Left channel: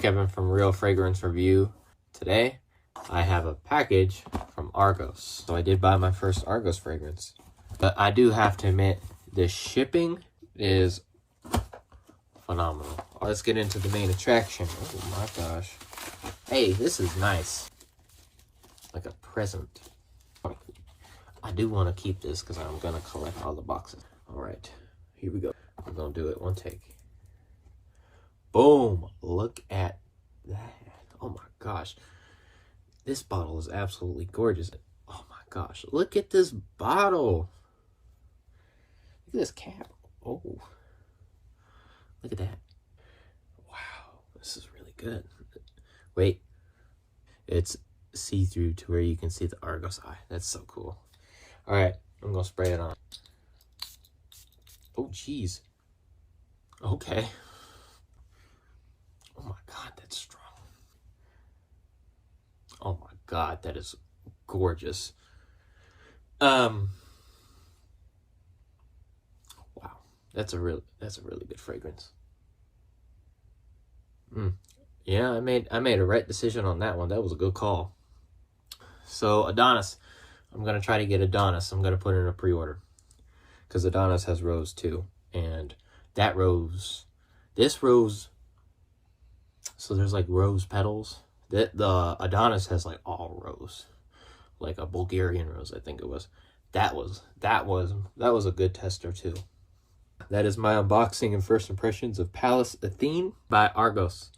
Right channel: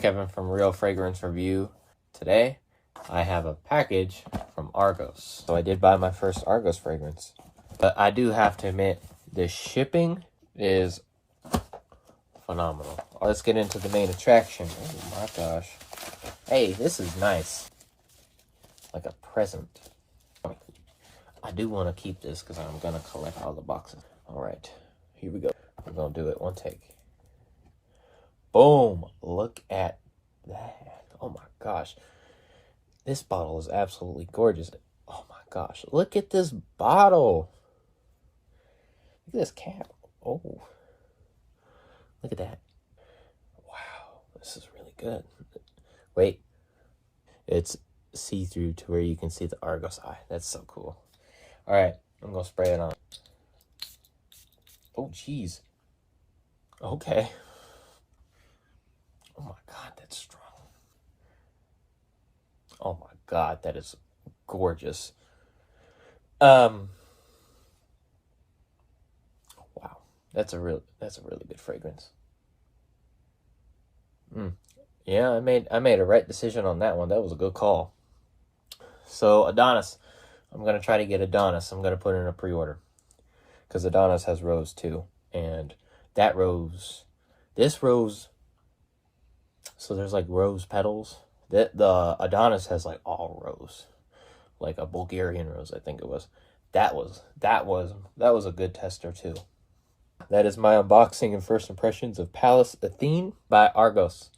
Kevin from Real Fragrance Review. Today, I have a package from Argos. So I did buy my first Argos fragrance. But I do have to admit, the shipping is phenomenal. Let's get into the main attraction. Oh my gosh. Hey, this is nice. Like a present. I do want to keep this because I'm going to collect all the boxes. Alright, here we go. I'm going to do it one take. Boom! Look at that. Oh my gosh. This bottle is absolutely gorgeous. Oh my gosh. Look at this bottle. Look at this cap. Oh. Look at that. Wow. This is really good. Wait. It's see-through to where you can see the Argos eye. That's so cool. Alright. I'm going to spray it on. Oh, jeez. Okay. Oh my god, that's strong. Oh my god, that is gorgeous. Wow. That's a really good fragrance. Yeah, I made a right decision on that one. That was a good call. So, Adonis. I'm going to try to get Adonis. I'm going to put in a pre-order. Because Adonis has rose too. And that rose, this rose, so there's like rose petals. The Adonis has like all rose. Like a Bulgarian rose, I think it was. That was a good tester too. That is my unboxing and first impressions of Pallas Athene by Argos.